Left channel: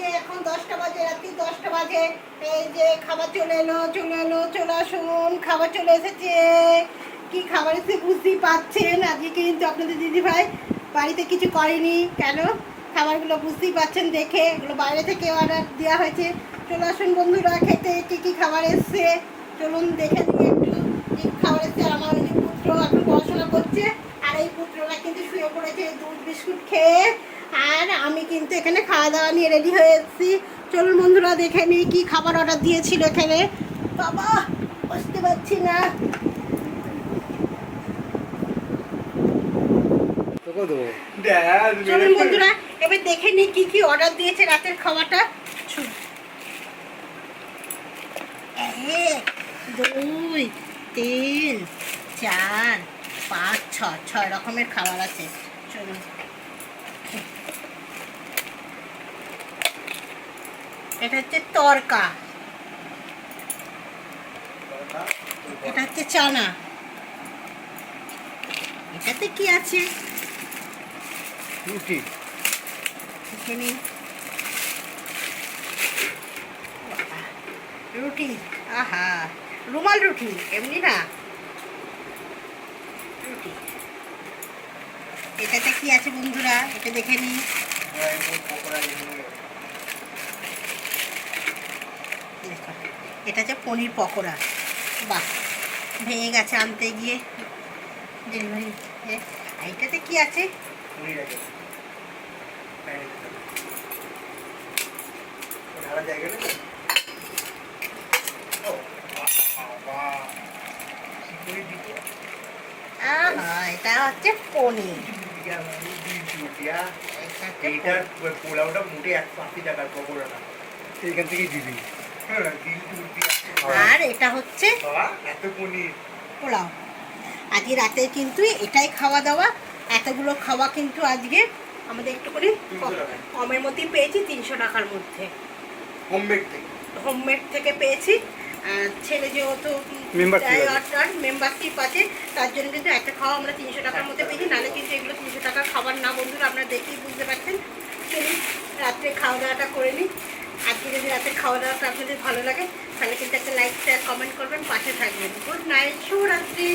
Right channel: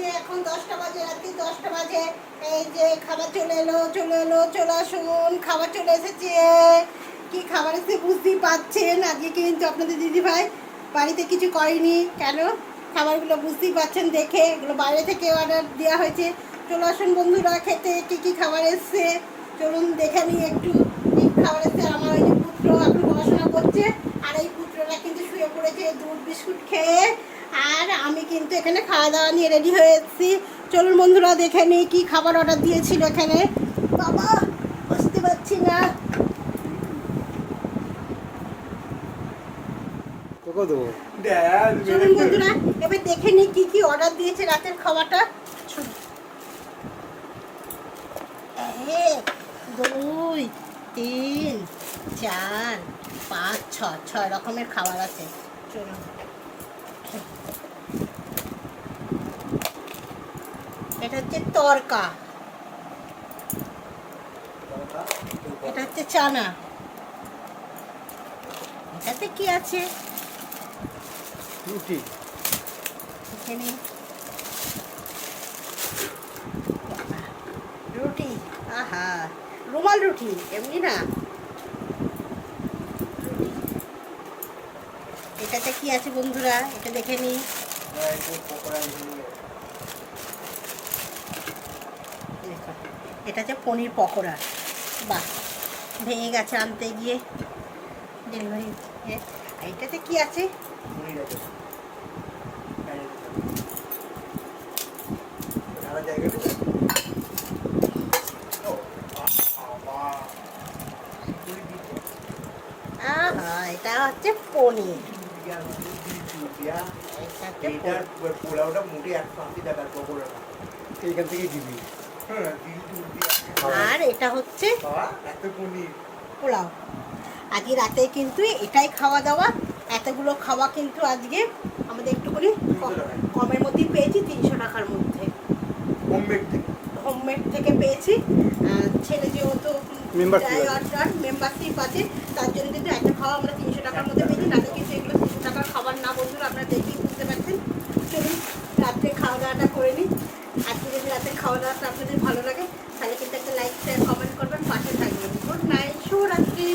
যে এখন দশটা বাজে, রাত্রি দশটা বাজে। এই যে খাবার চলে এলো চলে এলো, চলে আসুন, খাবার চলে এসেছে। কি খাবার এসে বুঝতেই পাচ্ছেন? আজকে কিন্তু আপনাদের দিদি ভাই বাড়িতে কিছু করেনি। কেন? খাবারগুলো বুঝতেই পাচ্ছেন দেখে। এগুলো বাইরে থেকে অর্ডার দেওয়া হয়েছে। চলে আসুন বন্ধুরা, খেতে কী কী খাবার এসছে? চলুন দেখে নিই একটু কি খাবার এসছে। আমার ওই যে পুত্র এখন পড়াশোনা করছে। আর এই পুত্ররা কিন্তু শুয়ে পড়েছে দুধ বিস্কুট খেয়ে। আর কিন্তু এখানে খাওয়া দাওয়া নিয়ে রেডি হয়ে এসেছি চলুন বন্ধুরা দেখে নিই কী খাবার অর্ডার দিয়েছিল এখানে। বাবা বুঝতে পারছি না। চলুন বন্ধুরা এবার দেখে নিই কী কী অর্ডার দিয়েছে রাতের খাবারটা। এক দুই তিন চার পাঁচ ছ ছয় রকমের খাবার আছে। চলুন। এটা হচ্ছে তরকা। এটা হচ্ছে চানা। এটাতে কি আছে? রুটি। এখানে। রুটি আহা রুমাল রুটি এমনি না। এটাতে কি আছে বন্ধুরা? এটা দেখে নিই দেখো, এটা হচ্ছে পনির পকোড়া। বাহ ভেঙে গেছে আনতে গিয়ে। ডেলিভারি এইটাতে কি আছে? এটা হচ্ছে পনির। পোলাওটা মোটে একশো আশি টাকার পকোড়াটা। এইখান থেকেই দিবি। আর এটা হচ্ছে বাবা এত পনির। পোলাও। আজকে রাতে কিন্তু এটাই খাওয়া দাওয়া। এতগুলো খাওয়া কিন্তু আজকে আমাদের একটু করে কমের মধ্যেই পেয়েছি তিনশো টাকার মধ্যে। হোমমেড থেকে? পেয়েছি। আর ছেলে যেহেতু। মেম্বারশিপ আছে। তার জন্য কিন্তু একটা খাওয়া আমরা তিনশো টাকার মধ্যে পেয়েছি। নাহলে কিন্তু এগুলো তিনশো টাকার খাবার না বন্ধুরা আপনারা দেখেই বুঝতে পারছেন চলুন রাত্রে খাওয়া দাওয়াটা করে নিই আজকে যদি রাতের খাওয়া দাওয়াটা আপনাদের ভালো লাগে, তাহলে কিন্তু একটা লাইক শেয়ার কমেন্ট করবেন, পাশে থাকবেন। গুড নাইট শুভরাত্রি।